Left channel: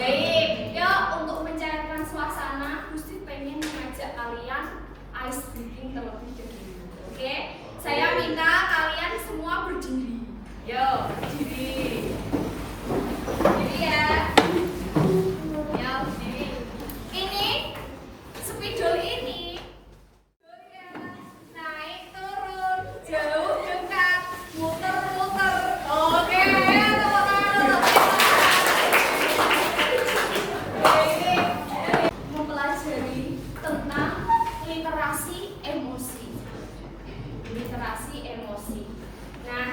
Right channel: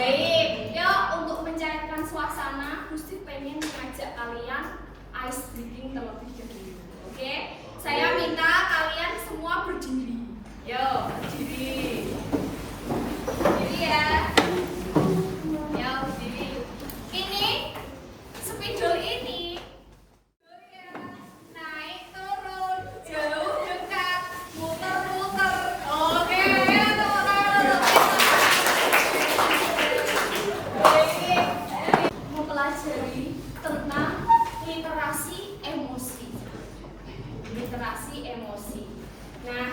Baik, yuk untuk mencairkan suasana, Gusti pengen mengajak kalian ice breaking terlebih dahulu. Oke? Saya minta kalian semua berdiri. Yuk, berdiri. Berdiri ya. Ya, berdiri. Ini spidol ini naik turun, jauh dekat, muter-muter. Oke, mempelajari tentang literasi emosi. Literasi emosi. Nah,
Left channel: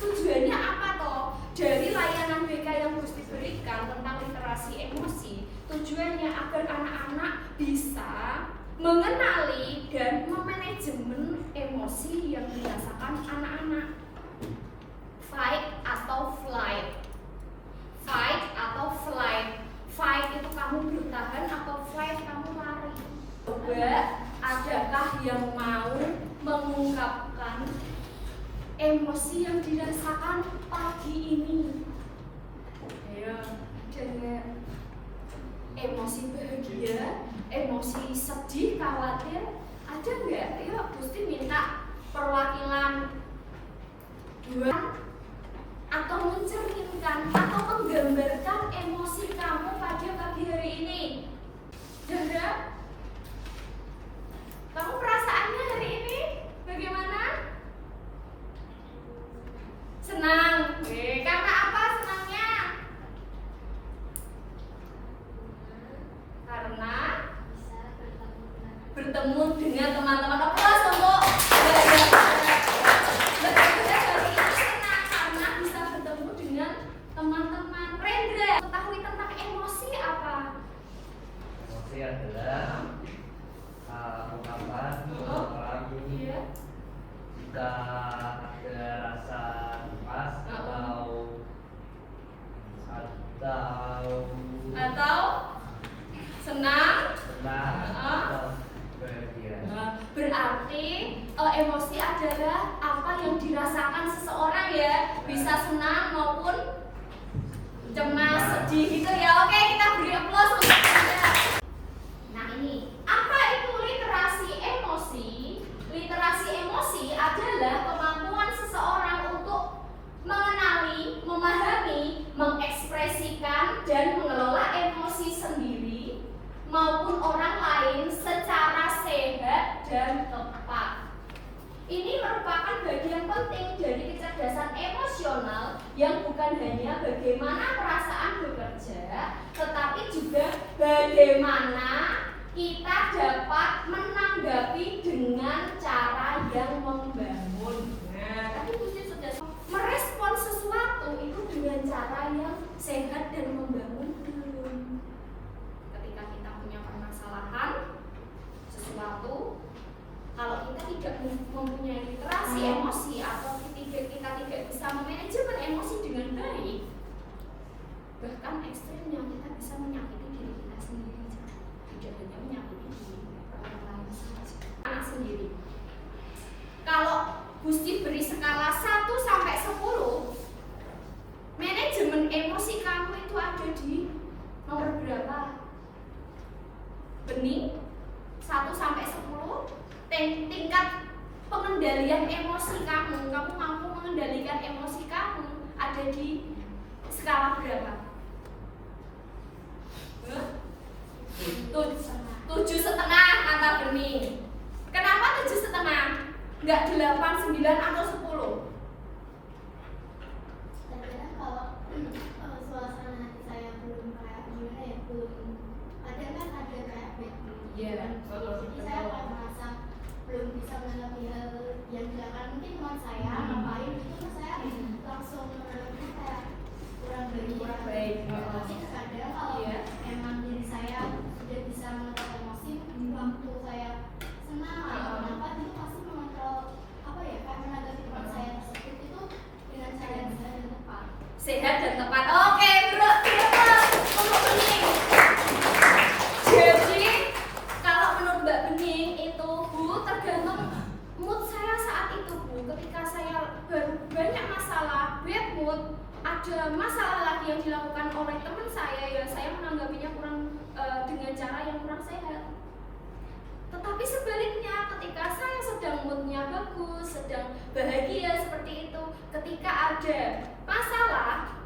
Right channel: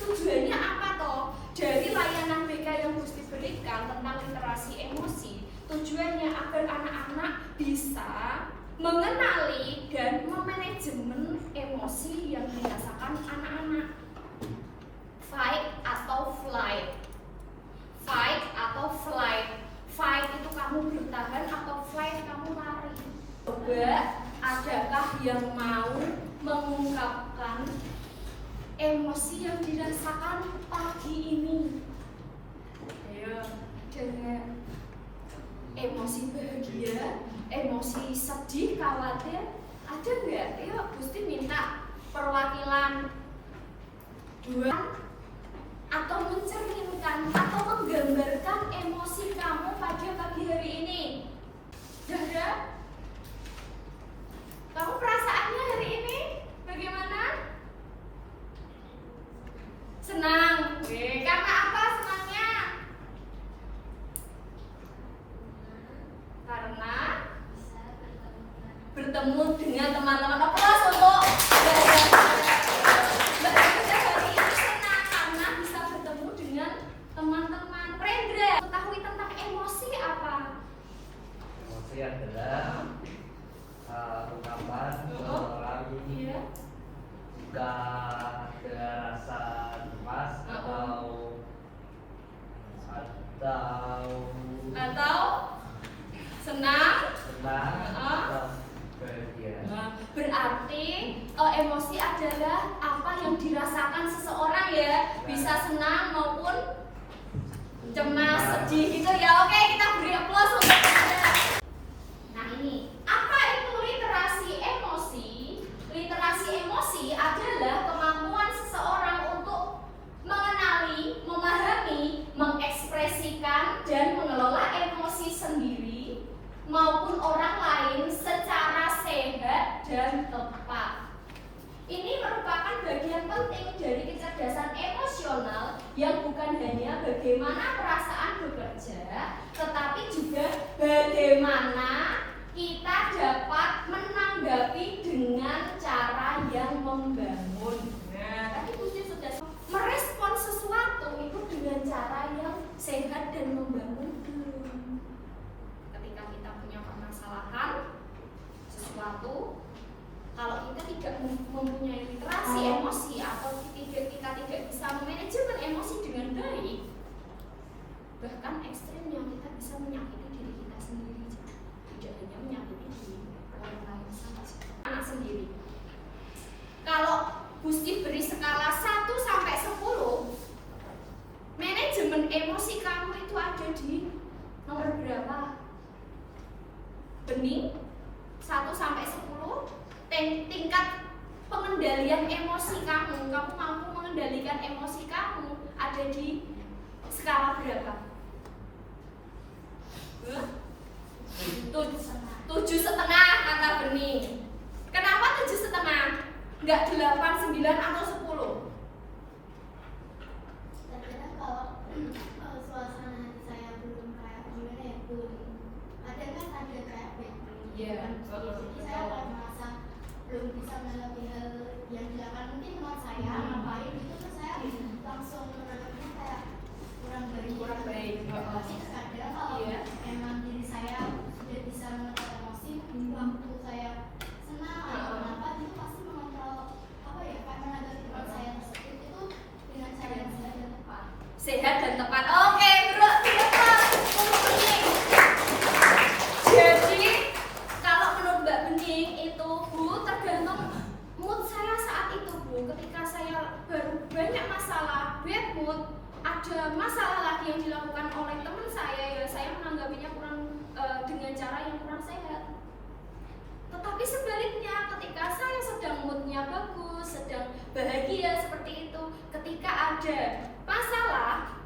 tujuannya apa toh? Dari layanan BK yang Gusti berikan tentang literasi emosi, tujuannya agar anak-anak bisa mengenali dan memanajemen emosi yang dirasakan anak-anak. Fight atau flight. Fight atau flight. Fight itu kamu bertahan atau flight kamu lari. Coba, adakah yang mau mengungkapkan emosi yang dirasakan pagi ini? Ayo, dengan emosi bahagia, emosi sedih, khawatir, ada nggak? Ayo, Gusti minta perwakilan dua atau mencerminkan atau menggambarkan emosi kamu pada pagi hari ini. Dada, kamu perasaannya hari ini bagaimana? Senang. Karena apa senangnya? Karena bertemu dengan teman-teman. Aplaus untuk teman-teman. Rendra, ketahui tentang emosi apa? Emosi adalah ungkapan seseorang jika ada rasa cemas atau senang atau bahagia. Berarti emosi adalah apa yang dirasakan seseorang ya, bisa senang maupun cemas, sedih gitu ya. Oke, kita beri aplaus untuk Anda. Nah ini, apa itu literasi emosi? Literasi emosi adalah kemampuan seseorang untuk mengenali, memahami, mengekspresikan, dan mengelola emosi sendiri maupun orang lain secara sehat dan tepat. Ini merupakan bagian penting dari kecerdasan emosional yang bukan hanya bagaimana perasaan bekerja, tetapi juga bagaimana kita dapat menanggapi dengan cara yang membangun. Nah, tadi Gusti sudah merespon sesuatu itu dengan cara yang sehat dan membangun. Ketika kita punya permasalahan sesuatu, kalau kita tidak mempunyai literasi emosi atau kita tidak bisa memanajemen emosi dengan baik, bahkan ekstrimnya kita bisa menyakiti diri kita sendiri, tidak hanya menyakiti diri orang lain saja, anak sendiri. Kalau Gusti beri skala 1 sampai 10, manajemen emosi kamu itu ada di nomor berapa? Bening 1 sampai 10. Tingkat pengendalian emosi kamu mampu mengendalikan emosi kamu ada di skala berapa? 7,5 kata Bening. Kenapa 7,5? Enggak 8, 9 atau 10? Karena kalau suasana hati saya belum kayak gimana ya, belum ada kan ada kayak bad mood. Iya, betul. Saya kalau merasa belum bisa menanggapi hal yang dilakukan mungkin teman saya ngapain itu kan saya langsung menanggapinya kayak kurang baik. Tapi terkadang kalau emang diri saya sudah bisa mengontrol emosi, waktu saya senang atau apa itu pasti mengontrol apa ya, kayak menanggapi teman saya tersebut itu dengan cara yang sehat dan tepat. Sehat dan tepat. Oke, bro, tepat untuk Bening. Jadi kalau menurut Mbak Bening itu Bu, tergantung mood saya saat itu Bu. Ketika saya baru banyak masalah, bad mood, ada ada masalah lagi yang dilakukan oleh teman saya, ya saya menanggapinya kurang dengan cara yang kurang sehat. Tetapi sebaliknya, ketika saya sedang moodnya bagus, sedang bahagia seperti itu, ketika ada masalah,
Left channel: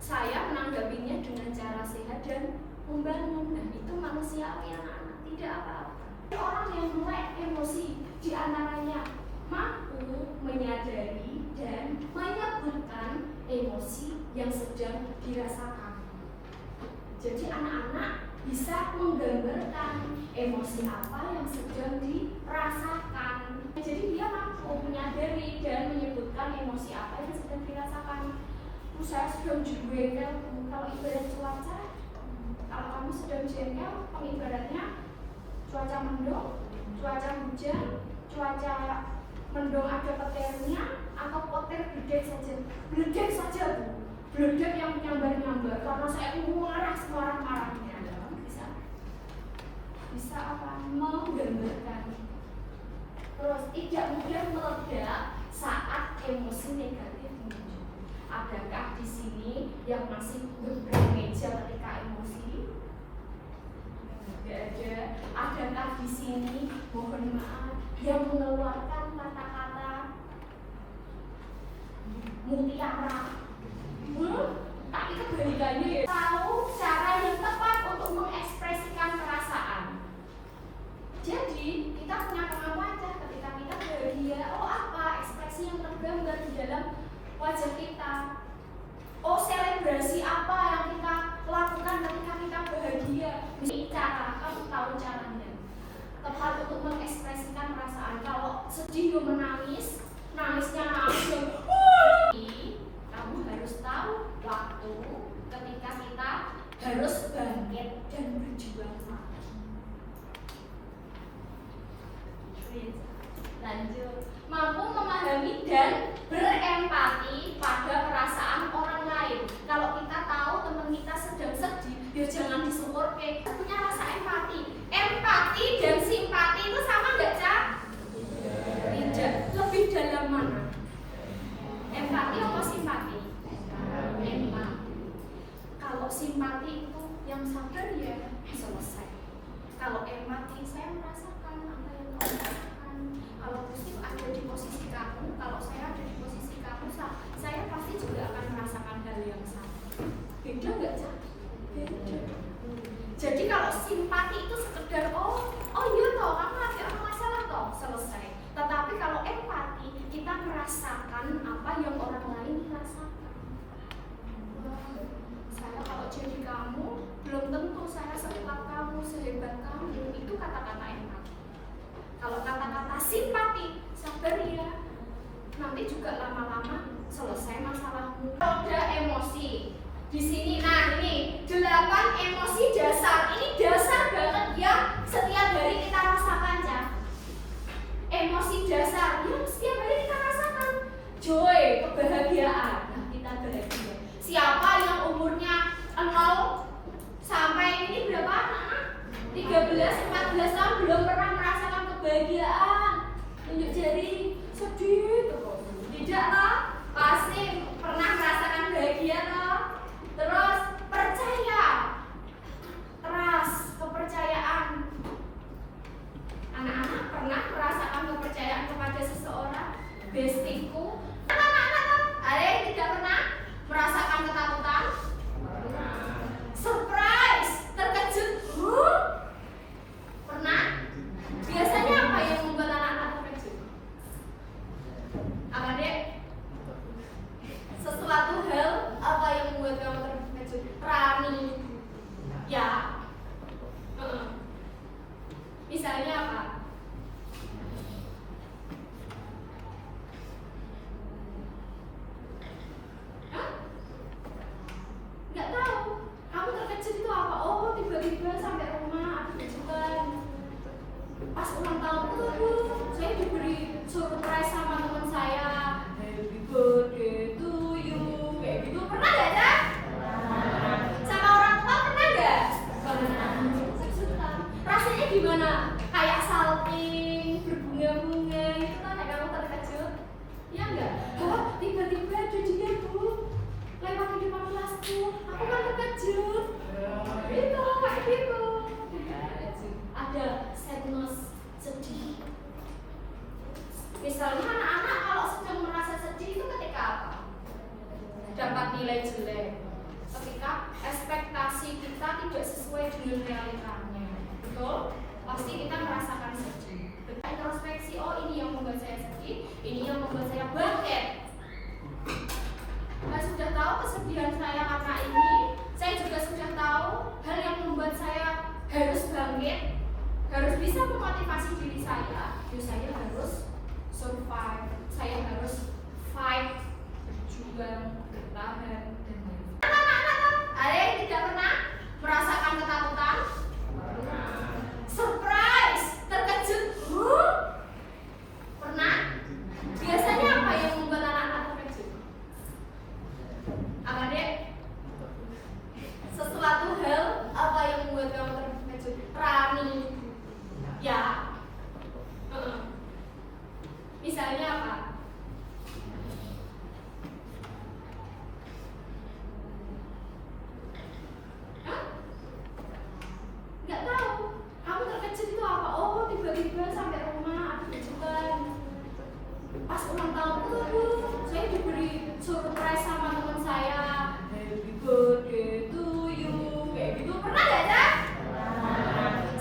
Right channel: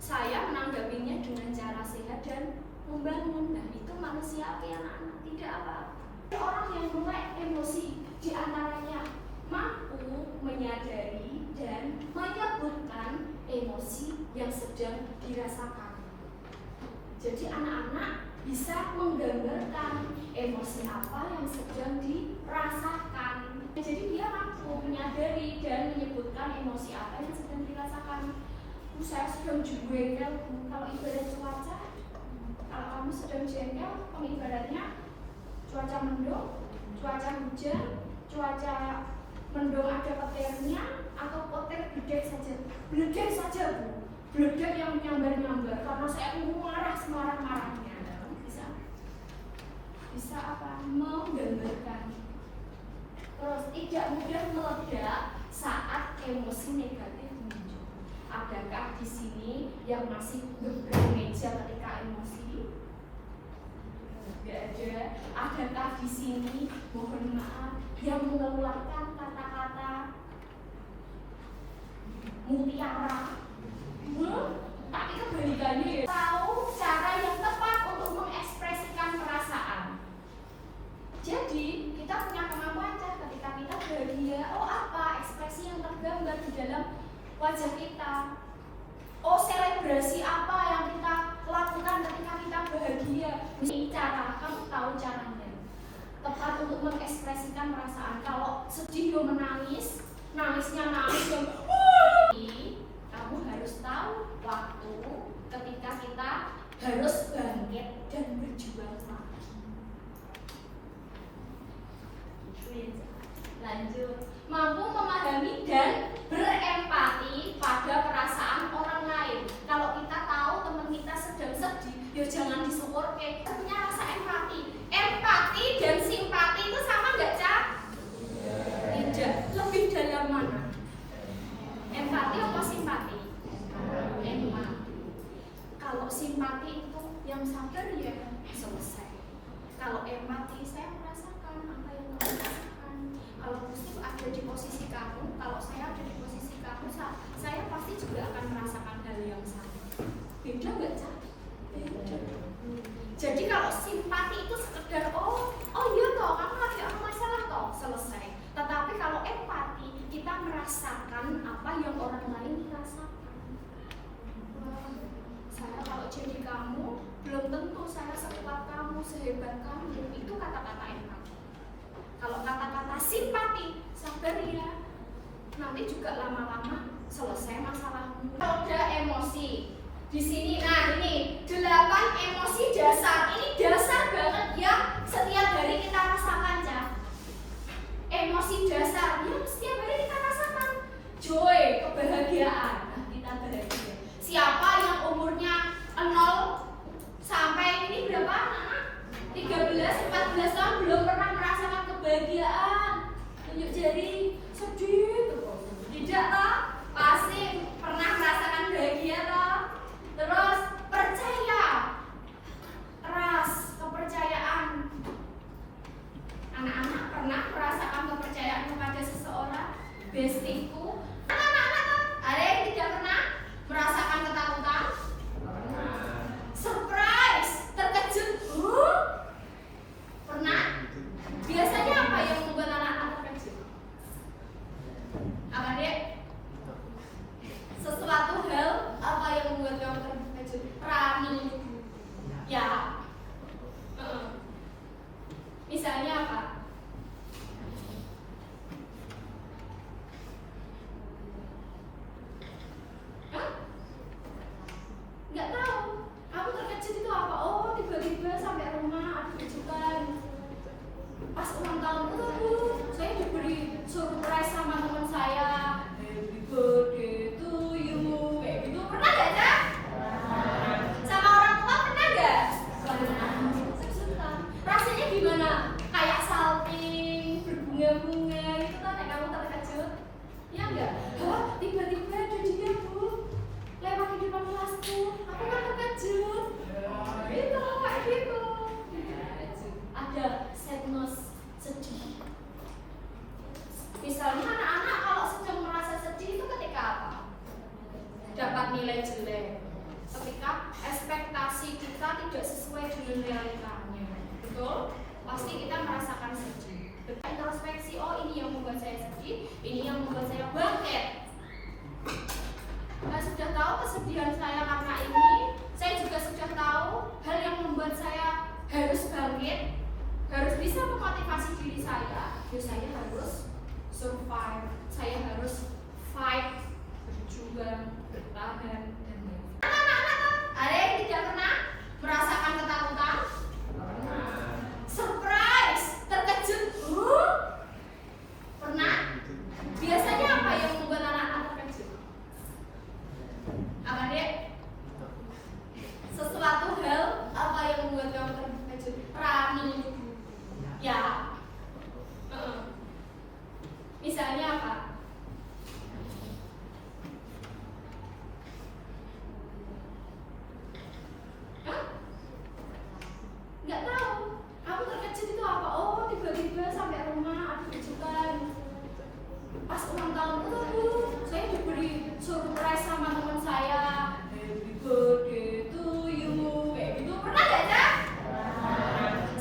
saya menanggapinya dengan cara sehat dan membangun. Nah, itu manusiawi anak-anak, tidak apa-apa. Orang yang mulai emosi di antaranya mampu menyadari dan menyebutkan emosi yang sedang dirasakan. Jadi anak-anak bisa menggambarkan emosi apa yang sedang dirasakan. Jadi dia mampu menyadari dan menyebutkan emosi apa yang sedang dirasakan. Saya sedang jengkel, kalau ibarat cuaca, kalau kamu sedang jengkel, kamu ibaratnya cuaca mendung, cuaca hujan, cuaca mendung ada petirnya, atau petir bledek saja, bledek yang menyambar-nyambar, karena saya marah semarah-marahnya. Bisa apa? Menggambarkan. Terus tidak mudah meledak saat emosi negatif muncul. Adakah di sini yang masih bermeja ketika emosi? Tidak ada. Adakah di sini, mohon maaf, yang mengeluarkan kata-kata mutiara? Tapi kebalikannya ya. Tahu cara yang tepat untuk mengekspresikan perasaan. Jadi kita punya kemampuan ketika kita bahagia. Oh, apa ekspresi yang tergambar di dalam wajah kita? Oh, selebrasi apa yang kita lakukan ketika kita bahagia? Ini cara, kamu tahu caranya. Tepat untuk mengekspresikan perasaan. Kalau sedih yo menangis, nangisnya nangis yo. Kamu harus tahu waktu ketika kita harus bangkit dan berjuang lagi. Lanjut, mampu memahami dan berempati pada perasaan orang lain. Kalau kita tahu teman kita sedang sedih, ya jangan disuwurke. Punya rasa empati. Empati dan simpati itu sama nggak, Cak? Tidak. Lebih dalam mana? Empati atau simpati? Empati. Kalau simpati itu yang sabar ya selesai. Kalau empati, saya merasakan apa yang kamu rasakan. Kalau Gusti ada di posisi kamu, kalau saya ada di posisi kamu, saya pasti juga akan merasakan hal yang sama. Beda nggak, Cak? Beda. Jadi kalau simpati itu sekedar oh iya toh, kamu lagi ada masalah toh, selesai. Tetapi kalau empati, kita merasakan apa yang orang lain rasakan. Wah, saya kalau jadi kamu, belum tentu saya sekuat kamu, sehebat kamu. Itu kata-kata empati. Kalau kata-kata simpati, sabar ya. Nanti juga lama-lama selesai masalahmu. Roda emosi. Di sini, nah ini 8 emosi dasar. Ini dasar banget ya. Setiap hari kita rasakan ya. Emosi dasar yang setiap hari kita rasakan. Joy, kebahagiaan. Nah, kita bahagia. Siapa yang umurnya 0 sampai ini berapa anak? 13, 14 tahun belum pernah merasakan kebahagiaan. Tunjuk jari, sedih tuh. Tidak toh? Pasti pernah merasakan bahagia toh? Terus percaya, trust, kepercayaan. Anak-anak pernah merasakan kepercayaan kepada seseorang? Bestiku. Anak-anak, ada yang tidak pernah merasakan ketakutan? Surprise, terkejut. Pernah? Biasanya apa yang membuat anak-anak terkejut? Apa dia? Sesuatu hal apa yang membuat kamu terkejut? Rani. Ya. Misalnya apa? Hah? Nggak tahu. Kamu terkejut itu apa? Oh, tiba-tiba sampai rumah ada kejutan. Pas ulang tahun saya diberi surprise sama teman saya. Happy birthday to you. Kayak gitu. Pernah nggak, Cak? Sama orang tua pernah nggak? Kejutan. Rasanya gimana? Kayak salting, berbunga-bunga itu kan kayak kamu terkejut? Ya enggak? Oh, tiba-tiba ada dia tuh lewat tidak sesuai dengan realitanya. Betul? Pasti kita merasakan sedih. Introspeksi, oh ini yang membuat saya sedih, ini yang membuat saya bangkit. Saya sudah tahu kesedihan saya karena ini, saya juga sudah tahu hal yang membuat saya harus bangkit, harus bisa memotivasi diri saya. Ya, saya harus survive, saya harus fight, berjuang, bertahan, dan lain-lain. Ada yang tidak pernah merasakan ketakutan? Surprise, terkejut, pernah? Biasanya apa yang membuat anak-anak terkejut? Apa dia? Sesuatu hal apa yang membuat kamu terkejut? Rani, ya. Misalnya apa? Hah? Nggak tahu. Kamu terkejut itu apa? Oh, tiba-tiba sampai rumah ada kejutan. Pas ulang tahunku tuh, saya diberi surprise sama teman saya. Happy birthday to you. Kayak gitu. Pernah nggak, Cak?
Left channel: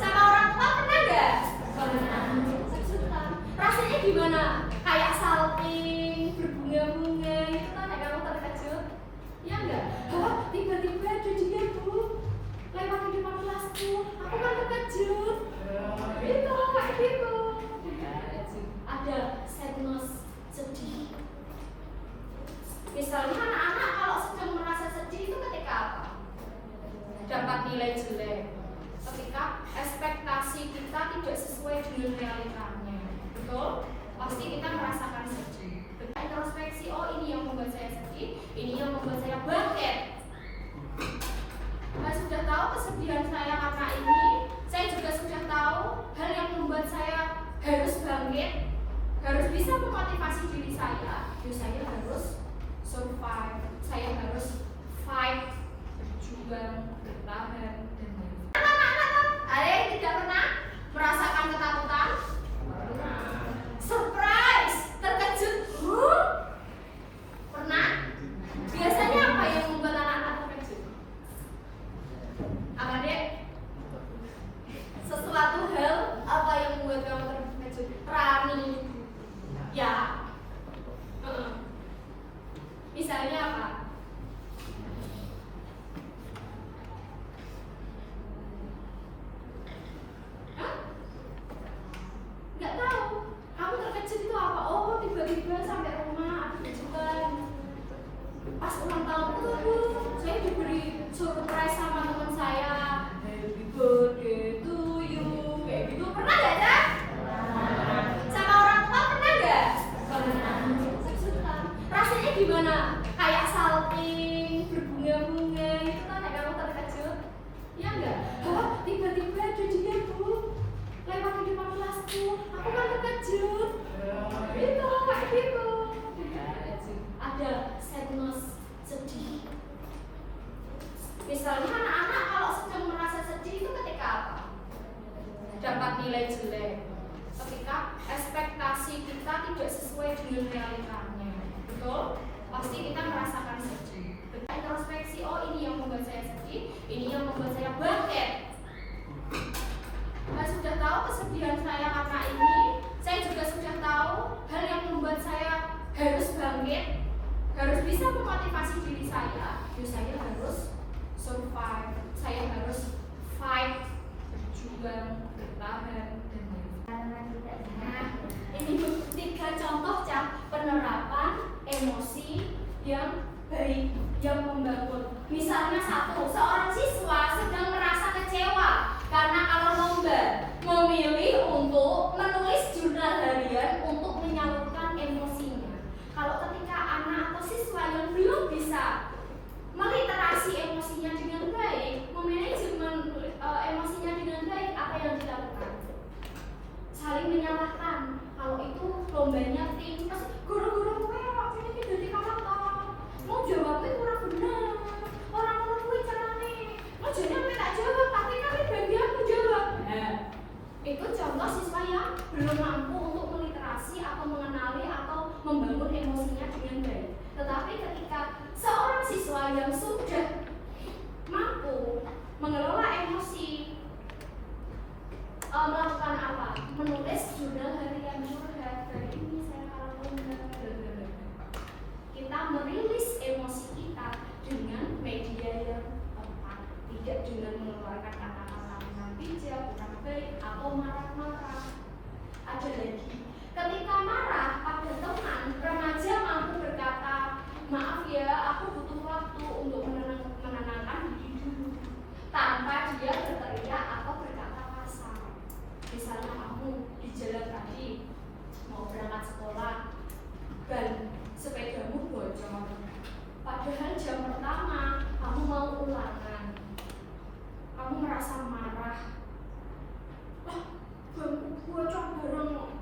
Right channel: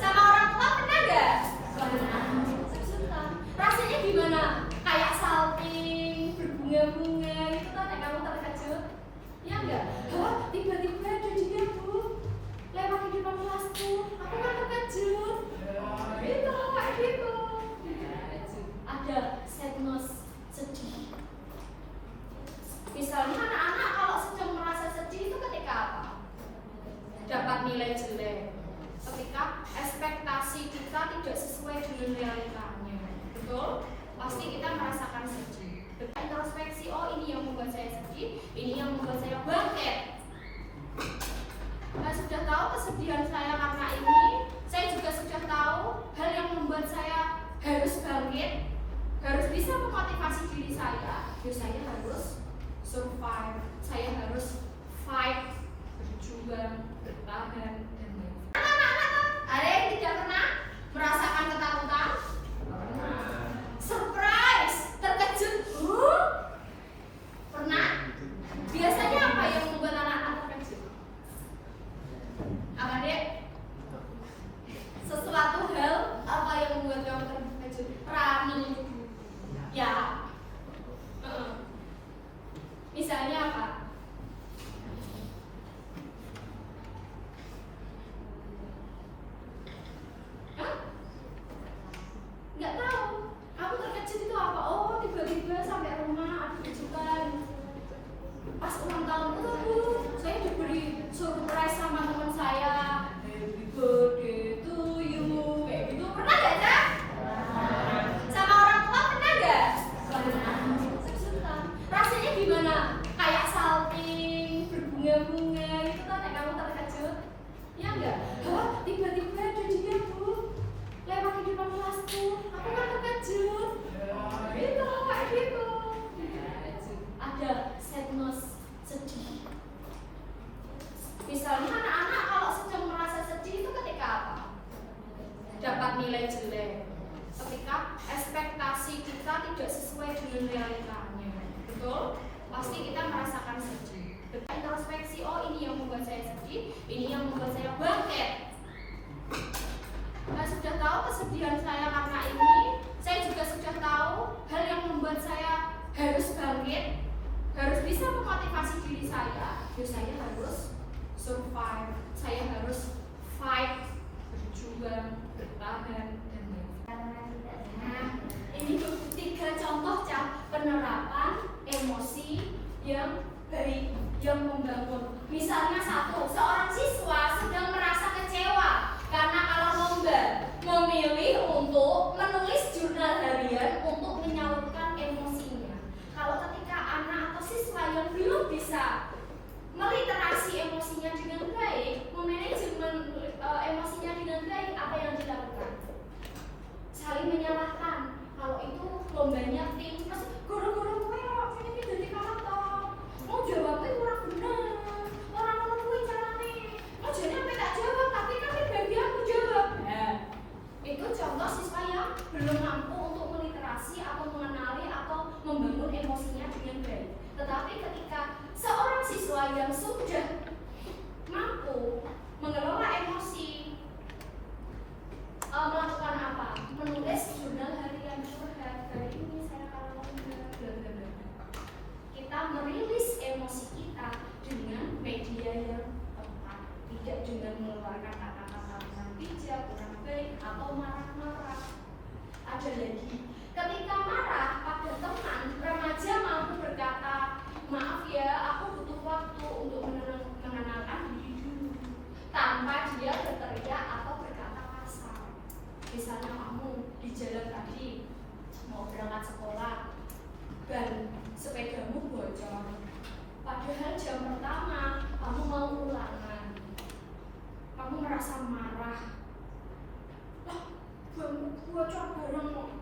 Sama orang tua pernah nggak? Kejutan. Rasanya gimana? Kayak salting, berbunga-bunga itu kan kayak kamu terkejut. Ya enggak? Oh, tiba-tiba ada dia, Bu. Lewat di depan kelasku, aku kan terkejut. Itu kayak gitu. Ada sadness, sedih. Misalnya anak-anak kalau sedang merasa sedih itu ketika apa? Dapat nilai jelek. Ketika ekspektasi kita tidak sesuai dengan realitanya. Betul? Pasti kita merasakan sedih. Introspeksi, oh ini yang membuat saya sedih, ini yang membuat saya bangkit. Saya sudah tahu kesedihan saya karena ini, saya juga sudah tahu hal yang membuat saya harus bangkit, harus bisa memotivasi diri saya. Ya, saya harus survive, saya harus fight, berjuang, bertahan, dan lain-lain. Ada yang tidak pernah merasakan ketakutan? Surprise, terkejut, pernah? Biasanya apa yang membuat anak-anak terkejut? Apa dia? Sesuatu hal apa yang membuat kamu terkejut? Rani, ya. Misalnya apa? Hah? Nggak tahu. Kamu terkejut itu apa? Oh, tiba-tiba sampai rumah ada kejutan. Pas ulang tahunku tuh, saya diberi surprise sama teman saya. Happy birthday to you. Kayak gitu. Pernah nggak, Cak? Sama orang tua pernah nggak? Rasanya gimana? Kayak salting, berbunga-bunga itu kan kayak kamu terkejut. Ya enggak? Oh, tiba-tiba ada dia, Bu. Lewat di depan kelasku, aku kan terkejut. Itu kayak gitu. Ada sadness, sedih. Misalnya anak-anak kalau sedang merasa sedih itu ketika apa? Dapat nilai jelek. Ketika ekspektasi kita tidak sesuai dengan realitanya. Betul? Pasti kita merasakan sedih. Introspeksi, oh ini yang membuat saya sedih, ini yang membuat saya bangkit. Saya sudah tahu kesedihan saya karena ini, saya juga sudah tahu hal yang membuat saya harus bangkit, harus bisa memotivasi diri saya. Ya, saya harus survive, saya harus fight, berjuang, bertahan, dan lain-lain. Nah, ini 3 contoh penerapan emosi yang baik, yang membangun. Misalnya 1, seorang siswa sedang merasa kecewa karena ala lomba memilih untuk menulis jurnal harian untuk menyalurkan emosinya. Kalau ketika anak atau siswa yang belum bisa meliterasi emosinya dengan baik, memanajemen emosinya dengan baik, apa yang dilakukan? Saling menyalahkan. Kalau itu lombanya tim, terus guru-guru gue waktunya tidur di kamar toh, mau jawabnya kurang benar, orang-orang gue caranya, mau jadi aku tak jawab, tapi bagi aku jawab. Nah, itu contoh siswa yang belum mampu untuk meliterasi atau mengenali atau membangun emosinya dengan baik. Tetapi ketika seorang siswa yang sudah marah-marah. Ada lagi, ketika marah pada teman, remaja mampu berkata, maaf ya, aku butuh waktu untuk menenangkan diri dulu, tanpa dia berteriak atau berkata kasar. Misalnya kamu di jalan tadi mau berangkat sekolah, ban sepedamu bocor, padahal jam pertama kamu mau ulangan, kamu merasa marah. Wah, banmu bocor bareng,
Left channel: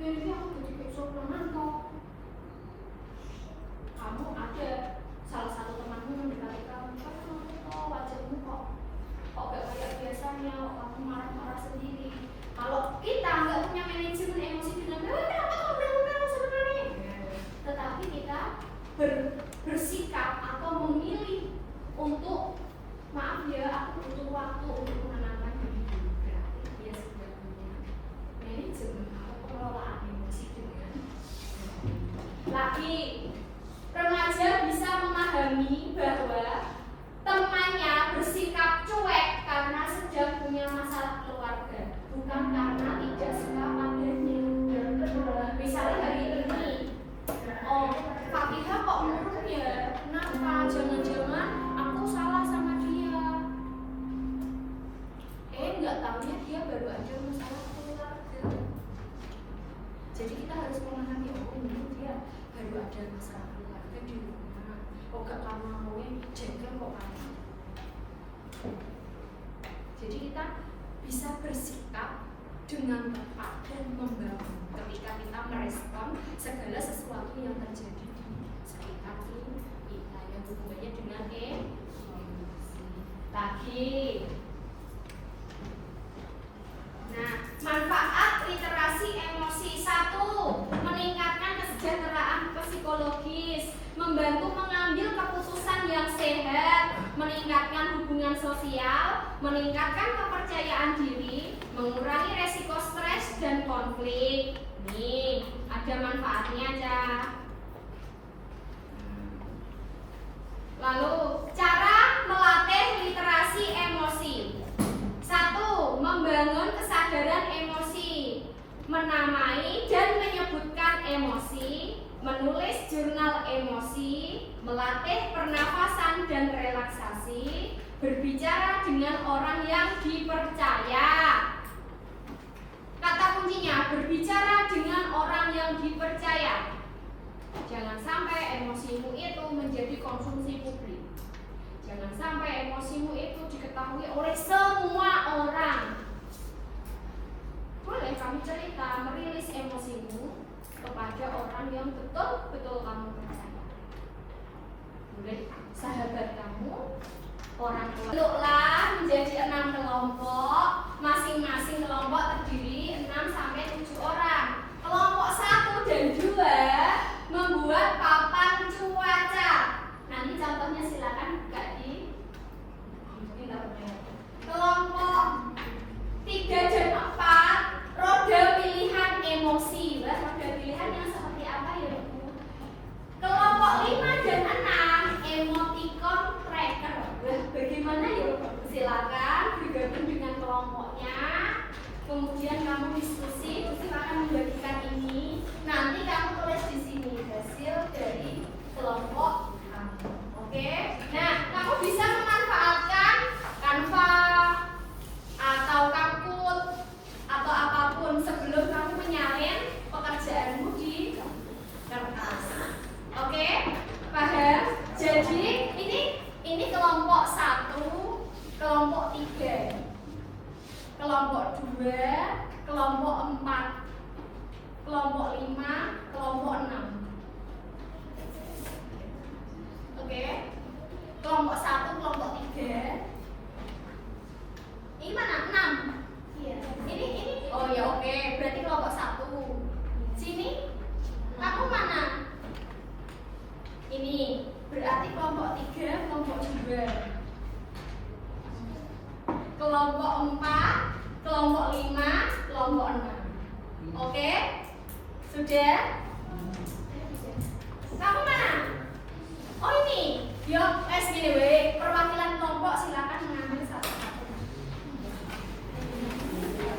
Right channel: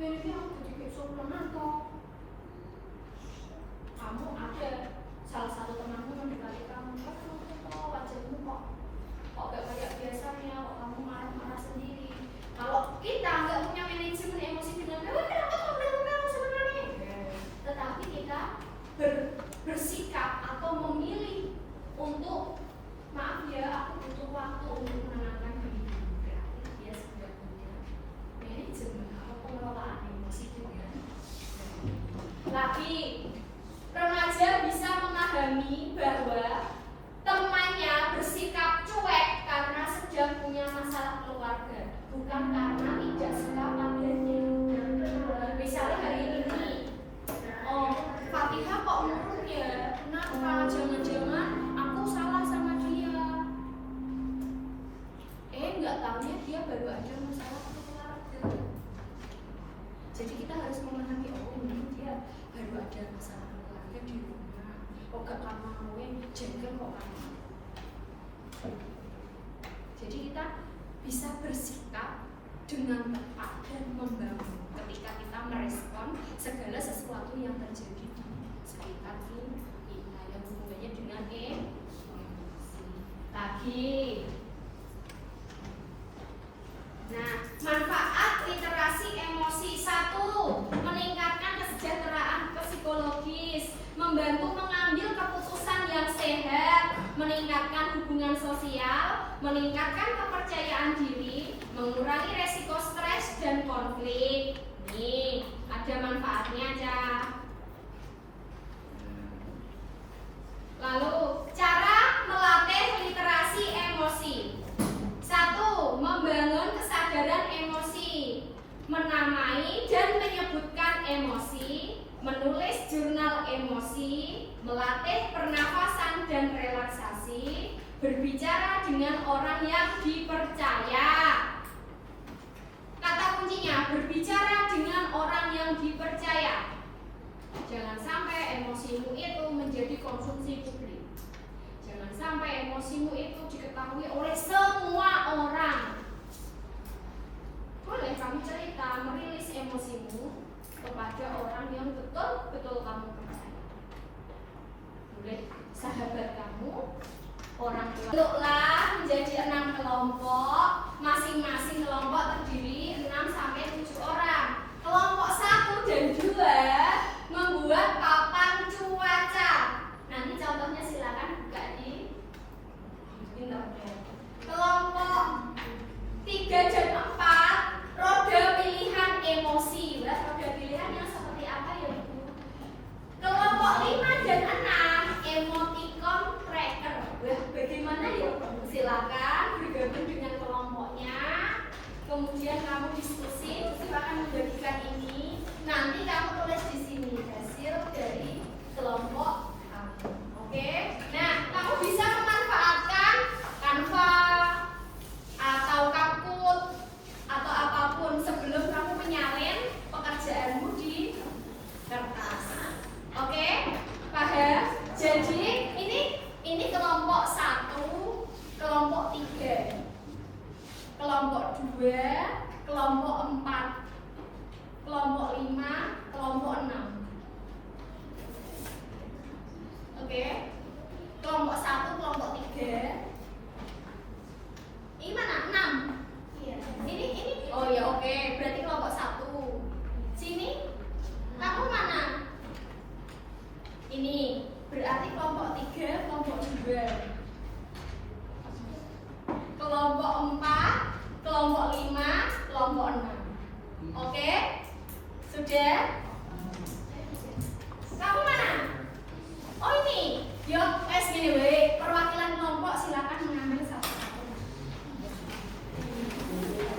ini aku jadi kesopanan kok. Kamu ada salah satu temanmu mendekati kamu, wajahmu kok gak kayak biasanya, kamu marah-marah sendiri. Kalau kita nggak punya manajemen emosi dengan kenapa kamu melakukan sebenarnya? Tetapi kita bersikap atau memilih untuk maaf ya, aku butuh waktu untuk menenangkan diri. Berarti dia sudah punya manajemen atau pengelolaan emosi dengan lagi. Remaja bisa memahami bahwa temannya bersikap cuek karena sedang punya masalah keluarga, bukan karena tidak suka padanya. Misalnya hari ini, oh Fatihah kok murung ya? Kenapa? Jangan-jangan aku salah sama dia. Nggak tahunya dia baru aja masalah keluarga. Jadi kita harus memahami, oh mungkin dia baru ada masalah keluarga di rumah. Oh gak karena maunya jengkel kok kamu. Jadi kita bisa bersikap dengan tepat dan membangun ketika kita merespon segala sesuatu yang terjadi di sekitar kita yang hubungannya dengan emosi. Lagi. Nah, manfaat literasi emosi. 1. Meningkatkan kesejahteraan psikologis, membantu mengambil keputusan yang sehat, meningkatkan hubungan sosial, meningkatkan kepercayaan diri, mengurangi resiko stres dan konflik. Nih, ada manfaatnya aja. Lalu, cara melatih literasi emosi. 1. Membangun kesadaran emosi, menamai dan menyebutkan emosi, menulis jurnal emosi, melatih pernafasan dan relaksasi, berbicara dengan orang yang dipercaya. Kata kuncinya, berbicara dengan orang yang dipercaya. Jangan sampai emosimu itu menjadi konsumsi publik. Jangan sampai emosimu itu diketahui oleh semua orang. Boleh kamu cerita, merilis emosimu kepada orang yang betul-betul kamu percaya. Boleh sahabat kamu, orang tua. Bentuklah menjadi 6 kelompok. Masing-masing kelompok terdiri 6 sampai 7 orang. Kelompok 1 dan 2 membuat papan cuaca. Nanti contohnya silakan buka di kelompok 3 dan 4 roda pilihan emosi. Roda pilihan yang seperti apa ya Bu? Kelompok 5 dan 6 emoticon tracker. Bagaimana ya Bu? Silakan bergabung dengan kelompoknya. Kemudian kamu diskusi, silakan membagikan ini. Nanti kamu tulis di sini hasil dari kelompok. Oke, nah kamu bisa memanfaatkan Canva atau Kapkut atau apapun sebelum kamu menyalin pekerjaanmu di kertas. Oke, paham? Jadi ini kelompok 1, kelompok 3, kelompok 2, kelompok 4, kelompok 5, kelompok 6. Oke, kelompok 1, kelompok 3. Ini mana? 6. Iya. Ini. Oh ya oke, berarti kelompok 1. Sini. Kamu mana? Ini. Berarti kelompok 3, kelompok 2. Kelompok 4, kelompok 5, kelompok 6. Oke? Sudah? Kamu mana? Oh ini, yuk, gini weh, perwakilan kelompok silakan mengambil satu-satu.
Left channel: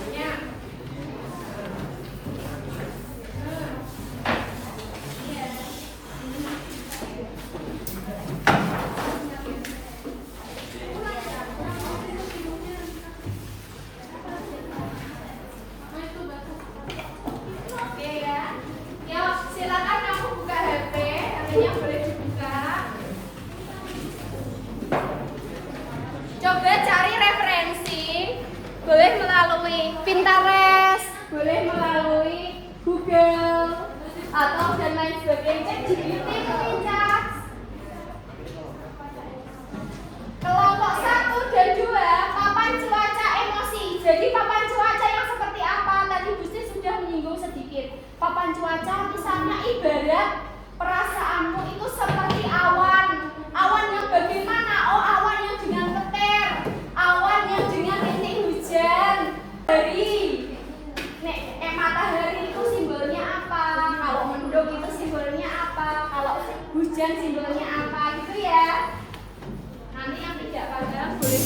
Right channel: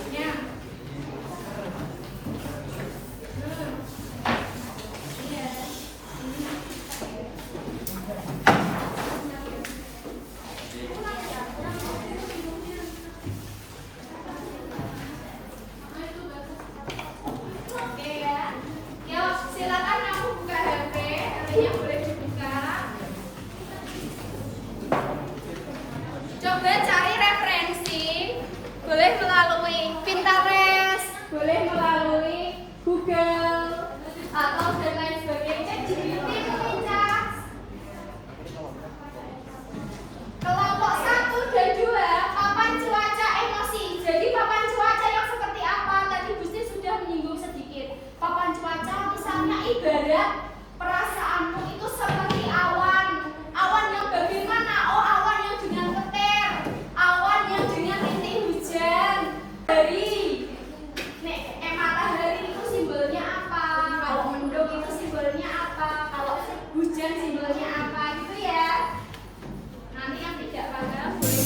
Ya. boleh melalui Pinterest, boleh melalui Google atau dan lain sebagainya. Kelompok 1 dan 2, papan cuaca emosi. Jadi papan cuaca yang seperti apa? Tadi Gusti sudah menyinggung sedikit. Papan cuaca misalnya ibarat perasaanmu itu seperti awan. Awan yang bagaimana? Oh, awan yang dengan petir, awan yang dengan rintik hujan. Matahari itu simbolnya apa? Kalau mendung itu simbolnya apa? Kalau hujan simbolnya apa? Gitu ya. Nanti yang tidak paham boleh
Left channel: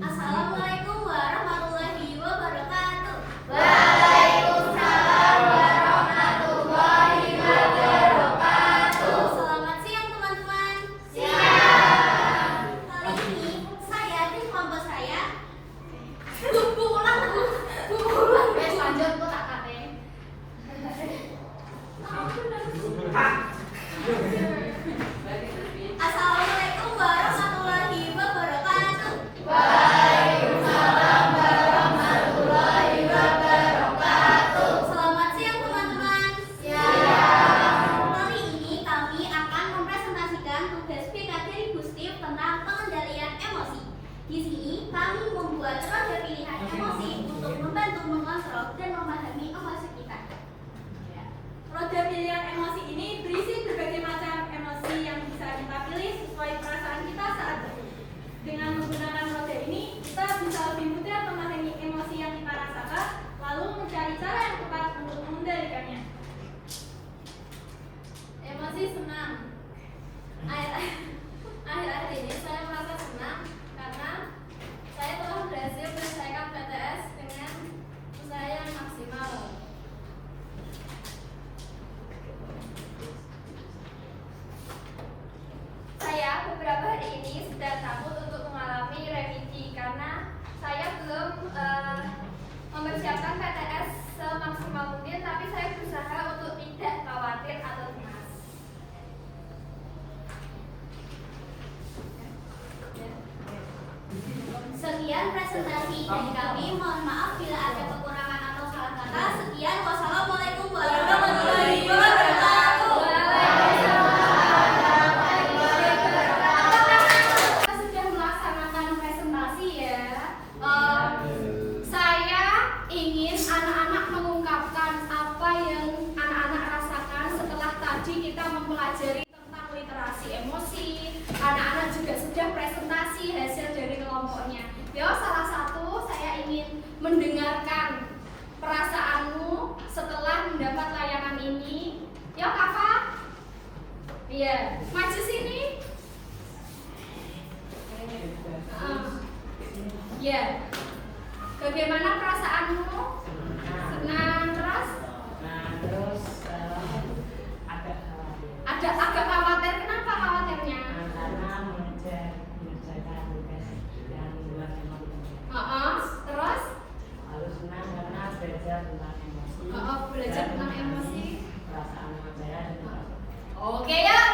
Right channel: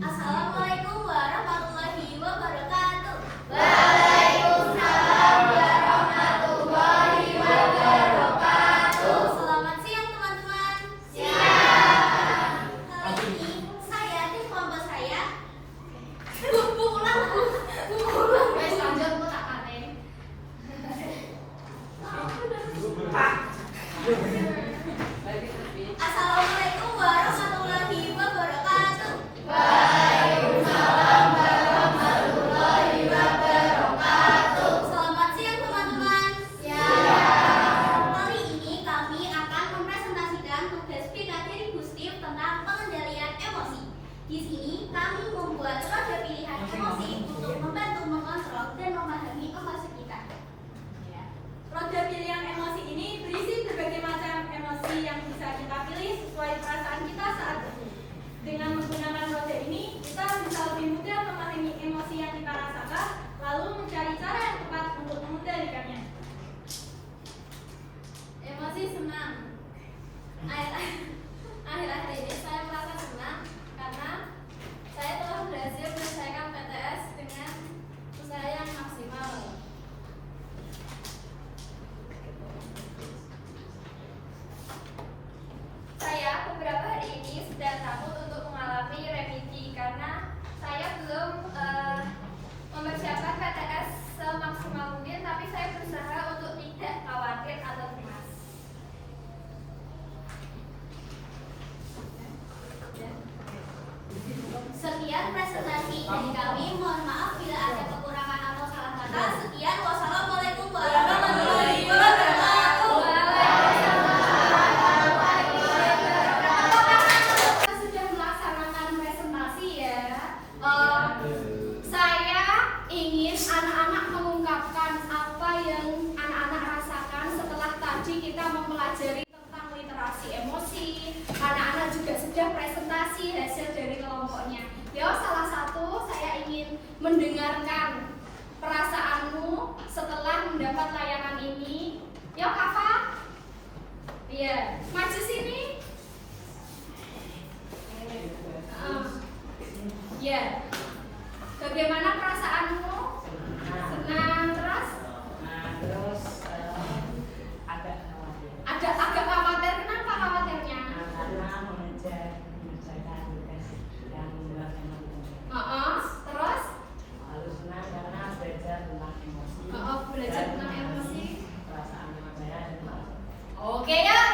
Assalamualaikum warahmatullahi wabarakatuh. Waalaikumsalam warahmatullahi wabarakatuh. Selamat siang teman-teman. Siang. Hari ini saya dan kelompok saya Wes lanjut kok tak katen. Assalamualaikum warahmatullahi wabarakatuh. Waalaikumsalam warahmatullahi wabarakatuh. Selamat siang teman-teman. Siang. Hari ini kami akan mempresentasikan tugas PKJ Gustif tentang pengendalian emosi. Di sini kami membuat roda pilihan emosi untuk membantu mengontrol dan memahami emosi kita. Roda pilihan emosi ini berisi berbagai macam emosi yang bisa kita pilih sesuai perasaan kita saat ini. Dengan menggunakan roda ini, kita bisa lebih mudah memahami emosi yang kita rasakan, lalu mencari cara yang tepat untuk mengendalikannya. Emosi senang. Akhir-akhir ini saya merasa senang karena saya telah berhasil menyelesaikan PTS dengan usaha yang maksimal. Saya beberapa hari ini sedang takut untuk mengalami remedi karena saya belum mempersiapkan PTS semaksimal mungkin, tapi saya berusaha untuk tidak khawatir atau cemas. Sekian presentasi dari kami. Mohon maaf bila ada kekurangan atau salah kata. Sekian. Wassalamualaikum warahmatullahi wabarakatuh. Kita sudah melaksanakan presentasi ya. Saya ingin anak-anak mengungkapkan apa yang anak-anak rasakan setelah tadi kita mempelajari tentang literasi emosi. Anak-anak juga sudah presentasi hasil dari kelompoknya. Ya, salah satu saya ingin mendengarkan perasaanmu setelah mendapat layanan ini. Ya, Kafa. Iya, maju sini. Ya. Bagaimana perasaanmu? Senang terus? Terus agak khawatir Ada agak khawatir. Kenapa khawatirnya? karena mengerjakan tugas yang membuat emosi. Terus? Harus senang karena belajar tentang emosi. Belajar tentang emosi. Perasaan pelajaran. Oke ya.